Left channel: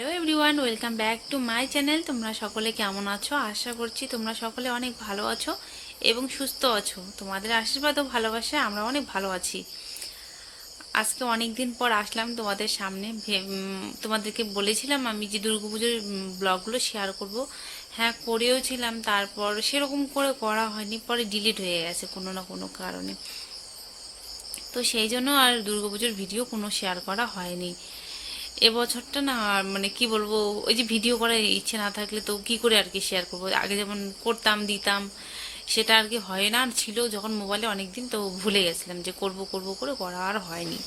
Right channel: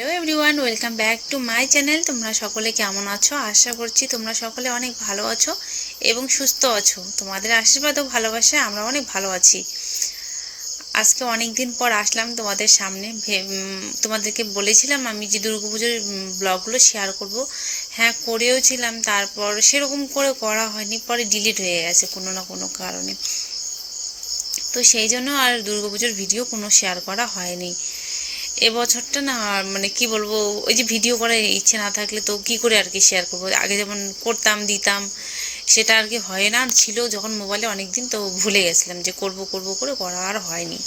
Hello everyone, welcome back to my channel. তোমরা সকলে কেমন আছো? আশা করছি তোমরা সকলে অনেক ভালো আছো এবং সুস্থ আছো। তোমাদের আশীর্বাদ ও ভালোবাসায় আমরা অনেক ভালো আছি। আজকে অনেক দিন পর আসলাম তোমাদের সামনে। তোমাদেরকে বলেছিলাম আমি যে দুর্গাপুজোর ব্লগগুলো শেয়ার করব। হ্যাঁ, করেও ছিলাম, তারপর সেরকম করে করা হয়নি, পরে ডিলিট হয়ে গেছে কোনো না কোনো কারণে। তো সেই জন্য আর দুর্গাপুজোর ভিডিও কোনো শেয়ার করা হয়নি। এবছরটা না, মানে কি বলবো, ওই যে ভিডিও করার ইচ্ছে না থাকলে তো কি করে আর কি শেয়ার করবো। আগে যেমন করতাম দিতাম, সেটা আর কি হয় না। আর ছিল যখন মোবাইলে অনেক দিন, তো ভুলে গেছিলাম যে করব করব করে করা আর হয়নি।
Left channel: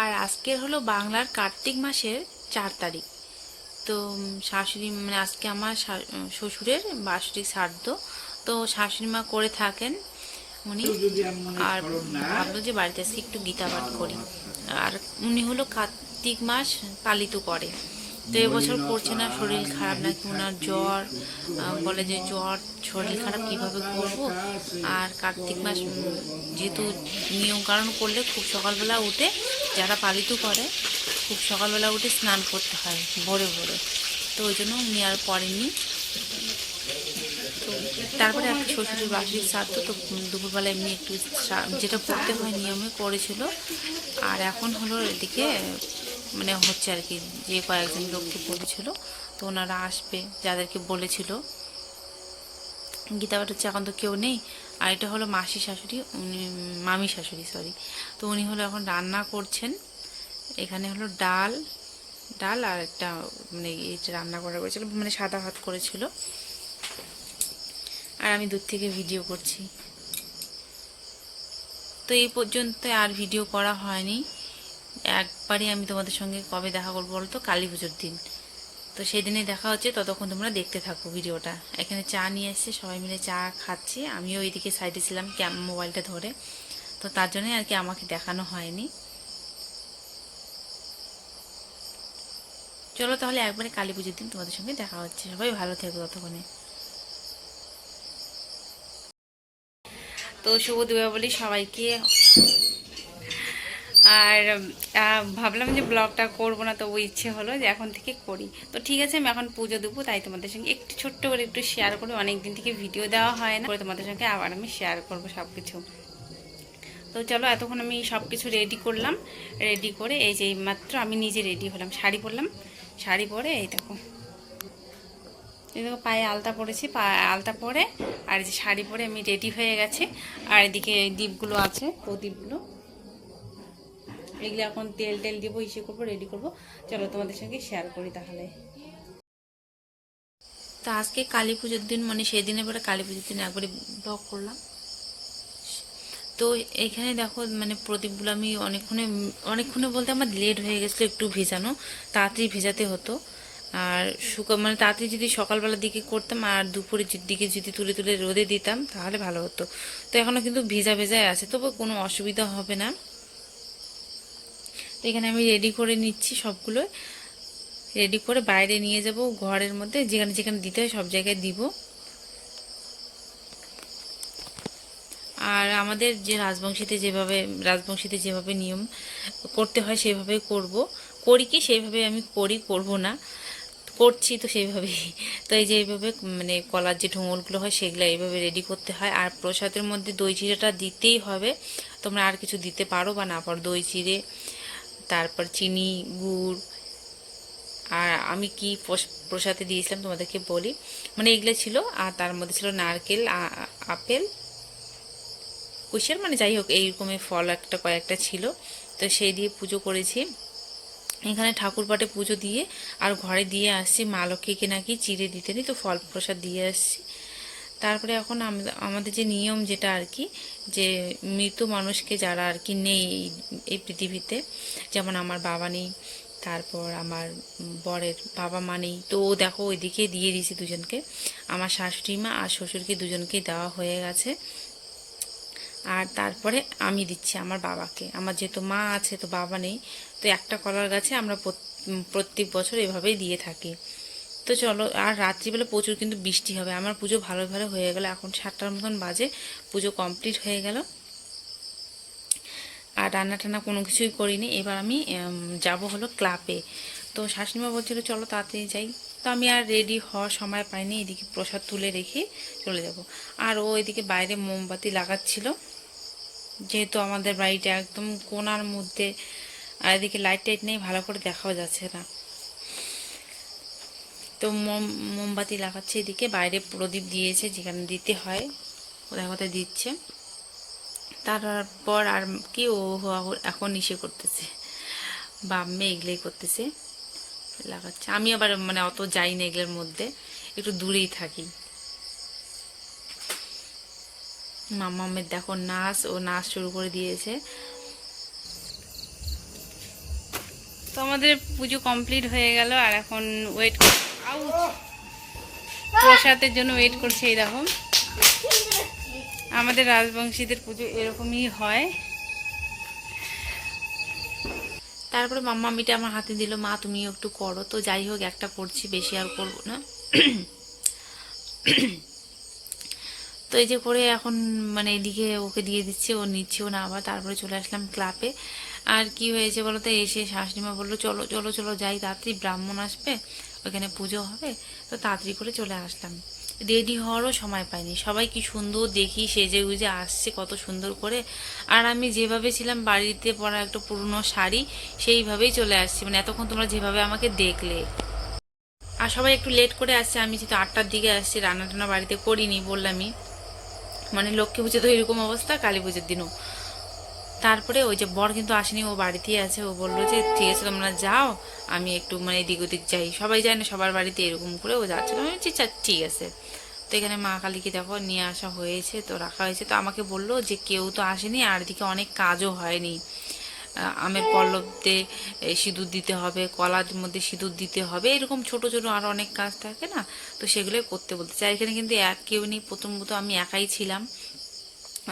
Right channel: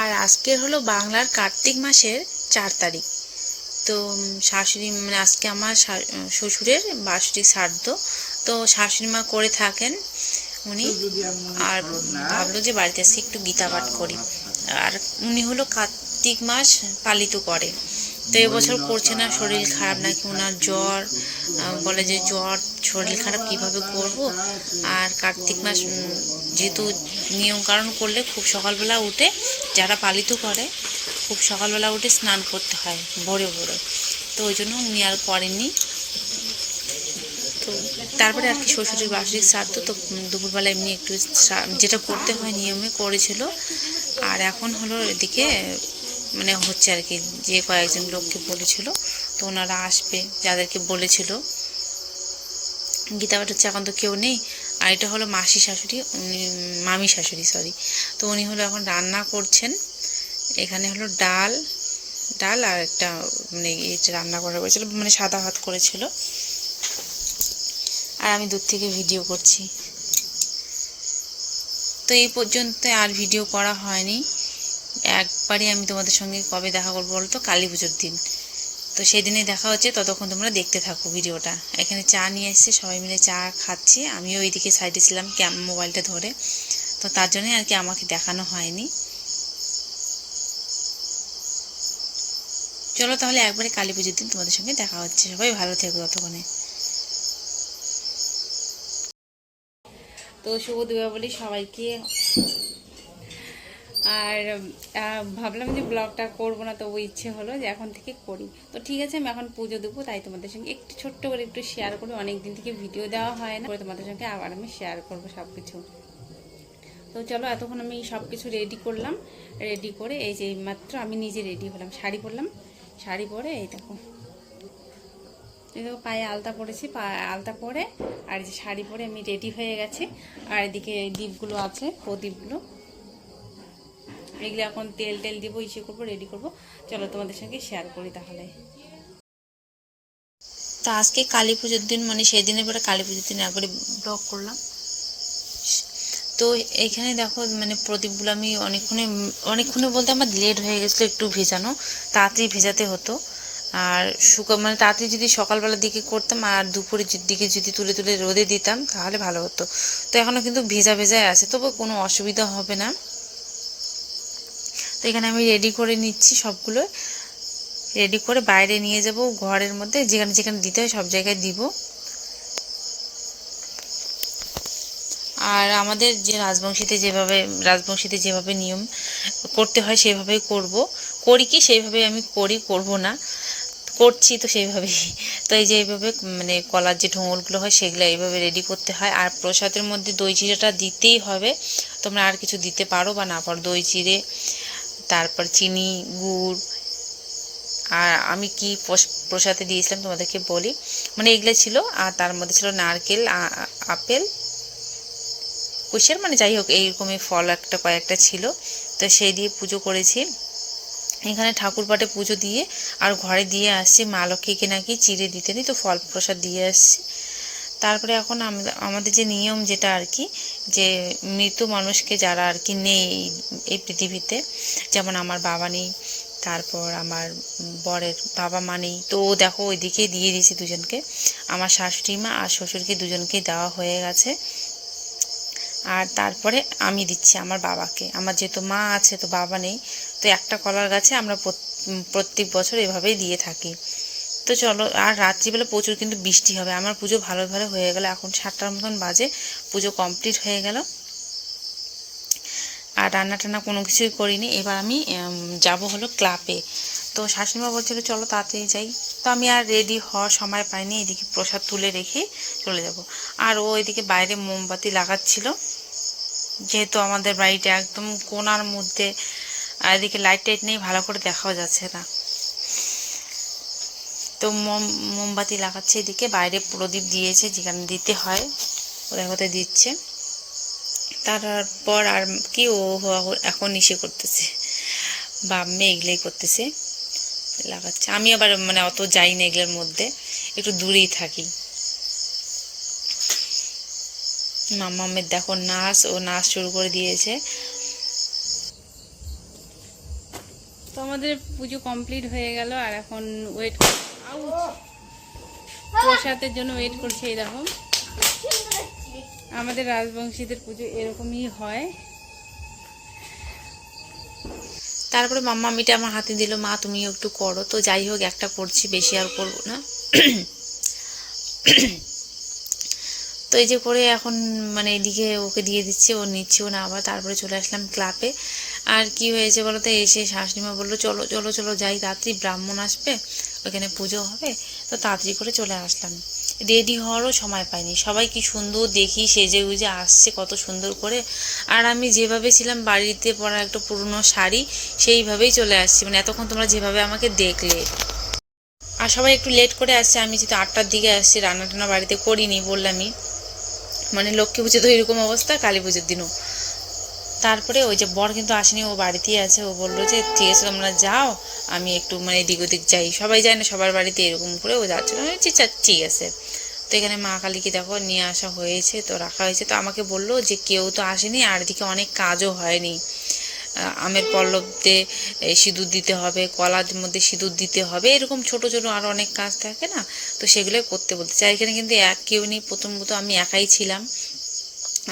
আর আজকের হলো বাংলার কার্তিক মাসের 4 তারিখ। তো শাশুড়ি, মানে আজকে আমার শ্বশুরের বার্ষিক শ্রাদ্ধ। তো শাশুড়ি মা করে থাকেন উনি। আর ভাবলো যে বাড়িতে আজকে একটু গীতা পাঠ করি। আর উনি হলো কার্তিক মাস পালিত করে। তো এবছর করছে না, শরীর খারাপ নাকি ওনার, জ্বর। বলে যে জ্বর, শরীর খারাপ, কিভাবে করব। আর কার্তিক মাস যেহেতু নিয়মকানুন করলে খুব সকালবেলা উঠে, যারা পালিত করে খুব সকালবেলা উঠে স্নান করতে হয় ভোরে ভোরে। তো ওই জন্য উনি আর করেননি। তো তারপরে আর কি শ্বশুরের বার্ষিক শ্রাদ্ধ, তো দুপুরবেলা এমনি একটু যেটা করতে হয় নিয়মে করেছিল। আর এখন হলো এদিকে মানে হচ্ছে আর কি, যে কয়েকজন লোককে বলেছিল, তো ওনারা আসবে, যাদেরকে বলেছিল। গীতা পাঠ হচ্ছে, এখন তো কেউ নেই। আর এটা হলো মাসি শাশুড়ি, উনি মামি শাশুড়ি, সরি। তো উনি হলো এখন রান্না করছেন। এখানে হলো ডাল ডাল আর একটা মানে রান্না করা হয়েছিল, মানে সাদা ভাত করেছিল। আর আমি দূর থেকে ভিডিও করছি। তো এই পর্যন্ত আর ভিডিও করা হয়নি। একবারই আমি তোমাদের সঙ্গে কবে দেখা করবো বলতো, কালী পুজোর দিন। তো সেই দিনেই দেখা হচ্ছে, ততক্ষণ তোমরা দেখতে থাকো ভিডিওটা। এখানে চা নিয়ে এসেছে, সবাই মিলে চা খাচ্ছি। আমিও ওইদিকে সাইডে ছিলাম মোবাইলটা ধরে, তো তার জন্যই আর কি আমাকে দেখানো হয়নি। চলো তাহলে একবারে কালী পুজোর দিন তোমাদের সঙ্গে দেখা হচ্ছে। সবাই ভালো থেকো ততক্ষণে। তো শুভ দীপাবলি সবাইকে। আর ভাবলাম যে ব্লগটা করবো না, তবু ইচ্ছে হলো যে এখন থেকে করি। তো ঠিক আছে, আমি এখন পুজো দেবো, তাই তোমাদের সঙ্গে একটু ছোট্ট করে একটু শেয়ার করি। অনেকদিন থেকে ভিডিও দেওয়া হয় না, তোমাদের সঙ্গে আবার আমি শেয়ার করবো সব কিছু। তো চলো, এতক্ষণ আমি সব কিছু রেডি করলাম। রেডি করে এই যে মাত্র আমি নিজে রেডি হলাম, শাড়ি পরলাম। শাড়ি পরে এই দেখো, এই দেখো পায়ে আলতা পরেছি, আলতা পরে আর এই যে শাড়ি পরে আমি রেডি হয়ে গেছি। আর এদিকে দীপগুলো আছে, প্রদীপগুলো, এগুলো এখন তেল টেল দিব, ইসে করবো, রেডি করব। চলো তোমাদের সঙ্গে শেয়ার করি তাহলে। তা আজকে কালী পুজোর দিন, মানে সেই দিনের পরে কালী পুজোর দিন একবারে ব্লগ করলাম। তো এইখানে দেখো, মানে প্রদীপগুলো আমি অনেকক্ষণে বলতে আমার লেট হয়ে গেছিলো একটু ভেজানো, তাড়াতাড়ি ভেজাতে হতো। আর মানে তাড়াতাড়ি যদি সকালবেলার দিকে করতাম আর দুপুরের দিকে যদি তুলে তুলে রোদে দিতাম তাহলে ভালো হতো। তো এখনও কিন্তু ভেজা ভেজায় আছে, তবু কোনো অসুবিধা হবে না। তো এখানে আমি রেডি করে নিচ্ছি সবগুলো। রেডি করে বাইরে নিয়ে যাব, ঘরের মধ্যে যেখানে যেখানে দিতে হয় সব জায়গায় দিব। আর আমাদের যে রাজবংশীতে যেভাবে নিয়ম করতে হয় সেভাবেই করি কি সেইভাবে আমি করব না, করছি তো সেইভাবেই। তো এই যে এইভাবে মানে কলার যে ঢোঙলগুলো হয় সেগুলো এইভাবে রেডি করতে হয়। আর প্রসাদের মধ্যে দই চিড়েটা দিতেই হবে, তোমরা আর কিছু দিতে পারো বা না পারো। দই চিড়ে, তারপর চিনি, গুড়। আর আমি কি প্রসাদে দিয়েছিলাম তোমাদেরকে বলি, মানে এগুলো ছিল। আর তার মধ্যে ছিল নারকেল, আপেল, কুশের, মানে যাই হোক এইরকমই ফল একটা কয়েকটা ছিল। তো সেই দিয়ে পুজো করেছি। এখানে ঠাকুর পাটে পুজো দিয়ে আর ঘরে দিয়ে আসছি। মা লক্ষ্মীকে নাকি চিড়ে দিতে নেই, তো ফল প্রসাদ দিয়ে আসছি। তারপরে এখন আমাদের যে নিয়ম যেটা আর কি, যে মৃত মানুষকে যারা আর কি নেই এই পৃথিবীতে, যেমন আমার বাবা নেই, তারপর আমার বরের বাবা মা নেই, তো ও দেখো ওইদিকে দিয়ে দিয়েছি দুজনকে। আমার শাশুড়ি মা আর শ্বশুরকে দুজনকেই দেওয়া হয়ে গেছে। আর তারপরে আমি দিচ্ছি আমার বাবাকে। আমার যেহেতু মা আছে তো বাবা নেই, তো একটা কলার গাছে আমরা প্রত্যেক বছর এভাবেই দিয়ে থাকি। তো তো চলো, আর রাত্রিবেলা প্রচুর কিন্তু বৃষ্টি হবে। আমার পুজো ভালো ভালো হয়ে গেল, এখন 7টার মতন বাজে, পুজো কমপ্লিট হয়ে গেল। আর রান্না টান্না কোনো কিছুই করিনি। এবার আমি যাব হলো ক্লাবে। তো শাশুড়িমা বলছিল চলো তাড়াতাড়ি যাই। তো আমি আর রেডি হওয়ার সময় পাইনি, এদিকে প্রসাদ তুলে রেখে চলে যাব। আর ও এদিকে বাইরে মোমবাতি লাগাচ্ছিল, যেহেতু আমাদের বাড়িটা একদম কোণার মধ্যে, আর এদিকে লাইট টাইট নেই, ভালো করে দেখাও যাচ্ছে না। তো মোমবাতি লাগাচ্ছে, এদিকে বাইরে প্রদীপ দিয়েছে যেখানে দিতে হয়, ওদের কোথায় দিচ্ছে। তারপর আর কি, ও এখন ইসে করতেছে, বা মেয়ে এগুলোই করতেছে, লাগাচ্ছে। আমি আবার মানে অত যাই না এগুলোর মধ্যে, একটু দূরেই থাকি। মাম্মামের দেখো নাচ, ও নাচ শুরু করে দিয়েছে। তো আমাদের পুজো কমপ্লিট হয়ে গেল, আর এখন ওয়েট, প্রসাদের জন্য ওয়েট করছে। এরকম আমাদের রাজবংশীদের পুজো এরকমই হয়। তারপরে মাম্মা মিটা আমার হাতে দিল, মা তুমি একটু করো। তো যাই হোক, একটা করছি, বেশি আর করবো না। তো এই যে করে এখন মানে এদিকে ওকে দিয়ে দিচ্ছে, ও নিচ্ছেও না আবার। তারপরে চলে আসলাম ক্লাবে। আর কি হয়েছে বলো তো, এসে শাশুড়িমা বললো চলো চলো চলো যাই, রাত্রি ব্রাহ্মণ আসবে, ওখানে পুজো হবে। তো তাড়াতাড়ি করে চলে আসলাম। রেডি হওয়ারও সময় পাইনি। সবাই কি সুন্দর দেখি সেজে গুজে আসছে, কত সুন্দর করে। আর আমি যেভাবে ছিলাম বাড়িতে পরা একটা পুরনো শাড়ি, সেইভাবেই চলে আসছি, মানে এতক্ষণ তোমরা যেভাবে আমাকে দেখলে। আর সবাই একটু লেট করে আসছে, আমি যেহেতু 8টার দিকে আসছি, রান্না টান্না বাড়িতে করিনি বললামই। মানে লক্ষ্মী পুজো তো এরকম অবস্থা, কালী পুজোর দিনও। তারপরে ওই যে বর কিন্তু আসেনি, ও বাড়িতেই আছে। ও বললো যে ঠিক আছে তোমরা যাও, আমি একটু মানে এদিক ওদিক যাই। সবাই যায় না সবার বাড়িতে, এরকম করে ও যাচ্ছিলো। আমি বলছি ঠিক আছে। তো এখানে মা কালীকে দেখো নিয়ে আসা হয়েছে, তো রাখা হয়েছে। তো আমাকে বললো যে কেউ তো আসেনি, আর এদিকে অনেক কাজও হয়নি। আমের পল্লবতে সিঁদুর দিতে হবে, কলার মধ্যে সিঁদুর দিতে হবে, এরকম ছোট ছোট আরও অনেক কাজ থাকে না, তো সেগুলোই করতে বলতে চাই। এখানে কিন্তু কেউ নেই, প্রথমত আমি একাই ছিলাম,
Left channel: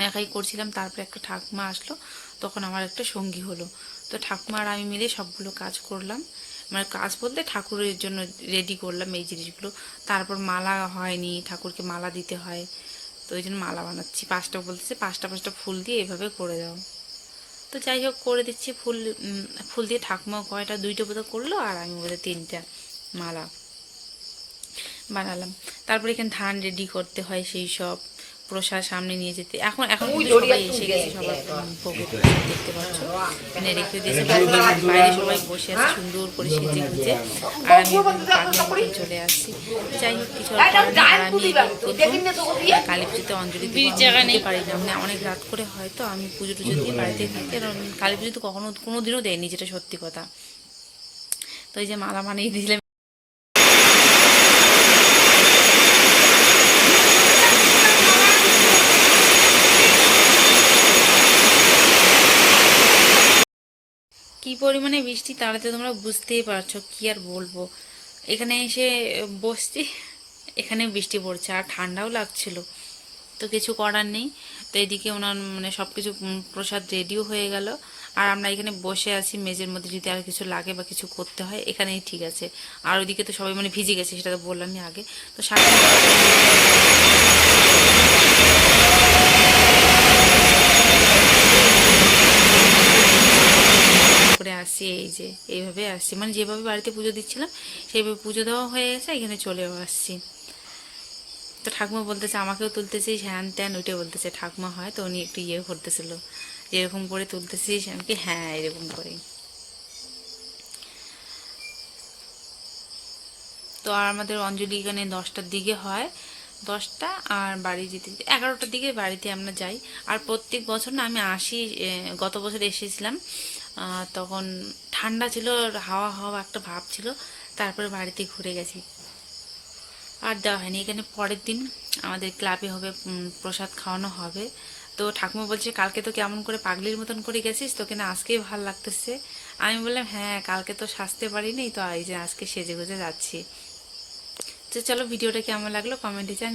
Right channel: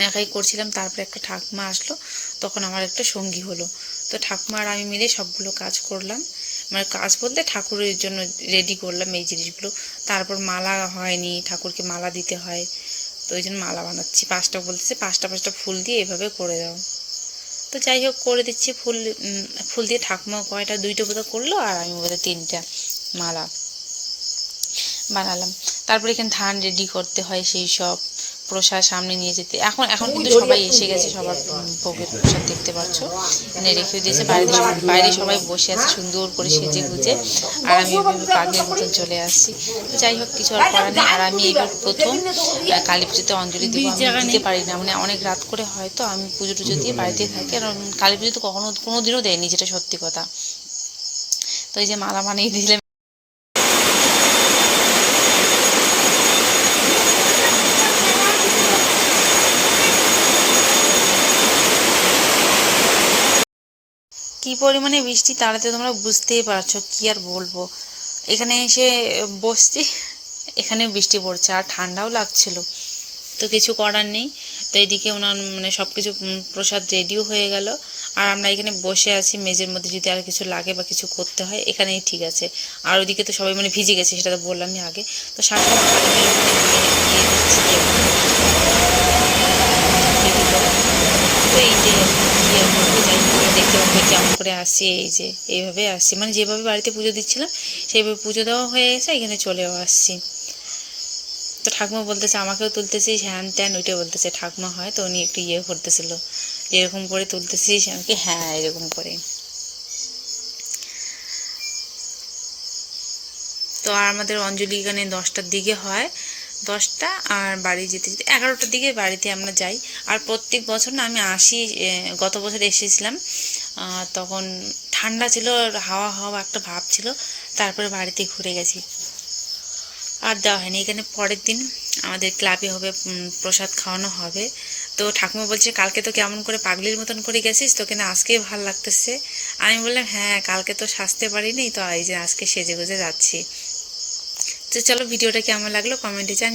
একাই করছিলাম। তারপরে একটা ঠাকুমা আসলো, তখন আমার একটা সঙ্গী হলো। তো ঠাকুমা আর আমি মিলে সবগুলো কাজ করলাম, মানে কাজ বলতে ঠাকুরের জন্য রেডি করলাম এই জিনিসগুলো। তারপর মালা হয়নি, ঠাকুরকে মালা দিতে হয়, তো ওই জন্য মালা বানাচ্ছি। 5টা বলতেছে, 5টা ফুল দিয়ে এভাবে করে দাও। তো যাই হোক করে দিচ্ছি। ফুল দিয়ে ঠাকুমা কয়টা 2টা বোধহয় করলো, আর আমি বোধহয় 3টা মালা বানালাম। তারপরে এখানে ধান রেডি করতে হয়, সেই সব প্রসাদ সামনে নিয়ে যেতে। এখন কিন্তু সবাই এসে গেছে, সবার ভোগের প্রসাদ দেখতে পাচ্ছ, এনে রেখে দিয়েছে। বাইরে সবাই বসে আছে সুন্দর করে সেজে গুজে, আর আমি ওইভাবে পাগলের মতন চলে আসছি। যাই হোক, কিছু আর করার নেই। আর আমি এবার প্রথম কালী পুজোতে অঞ্জলি দিব। আমি দিতে পারি না, মানে অনেক রাত করে হয়, তো আমি পুজো টুজো দিয়ে বাড়িতেই থাকি। আর কালী পুজো তো কোনো দিনও দেয়নি, যেটা সত্যি কথা। তো এই যে মালা বানিয়ে দিয়েছিলাম। কি পরিমাণে বৃষ্টি, তাহলে তো তোমরা বুঝতেই পারছো, কি আর বলবো। এখানে এসে বসছি, এখানে বৃষ্টি পড়ছে, আর ঠান্ডাও লাগছিল, তো কিছু করার নেই। তো এদিকে ওনার মানে সব কিছু প্রসাদ রেডিও হয়ে গেল, আর আমরা এখানে বসে আছি মেজের মধ্যে। যদি আর কিছু লাগে বা কিছু করতে হয় এখানেই ঠিক আছে। আর ওইদিকে তো সবাই মানে ভিজে গেছে, সেটা তো বললামই আগে। তো সাথে করে আসছি, এই যে এইভাবে আসছি, মানে যেভাবে বাড়িতে পুজো দিচ্ছিলাম সেইভাবে পুজো দেওয়া হয়ে গেছে, এখানে চলেও আসছি। তো ঠাকুমা বলতেছে আমাকেও তুলতেছিস হ্যান ত্যান, ওইটাই বলতেছে। ঠাকুমা হয় তো উনি একটু ইয়ে করতেছিল, এরকম করে তুলতেছিস, আমাকে হ্যাঁ এরকম করে। তো আর আমাদের অঞ্জলি এখানে 10টার দিকে হয়, 10টা। আর বাড়ি যেতে যেতে 11টার দিকে বাড়িতে আমরা যাই। আর প্রত্যেক বছর না আমি আসি, গত বছর এসেছিলাম, তখন ঠান্ডা ছিল, হাওয়া হাওয়া একটা ভাব ছিল, তারপরে বাড়িতে ঘুরে গেছি, আর দেওয়া হয়নি। এখানে পরের দিন আমাদের ক্লাবে হবে, প্রসাদ খাওয়ানো হবে। তো ঠাকুমা বলছে কালকে তো কেমন করে পাগলির মতন করে গেছিস, তোকে না আজকেই ভাল লাগতেছে। আমি বললাম হ্যাঁ, কালকে তো সাজতে পারিনি, তো এই যে আজকে সেজে গুজে যাচ্ছি। তো চলো, ভিডিওটা কেমন লাগলো কমেন্টে জানিও।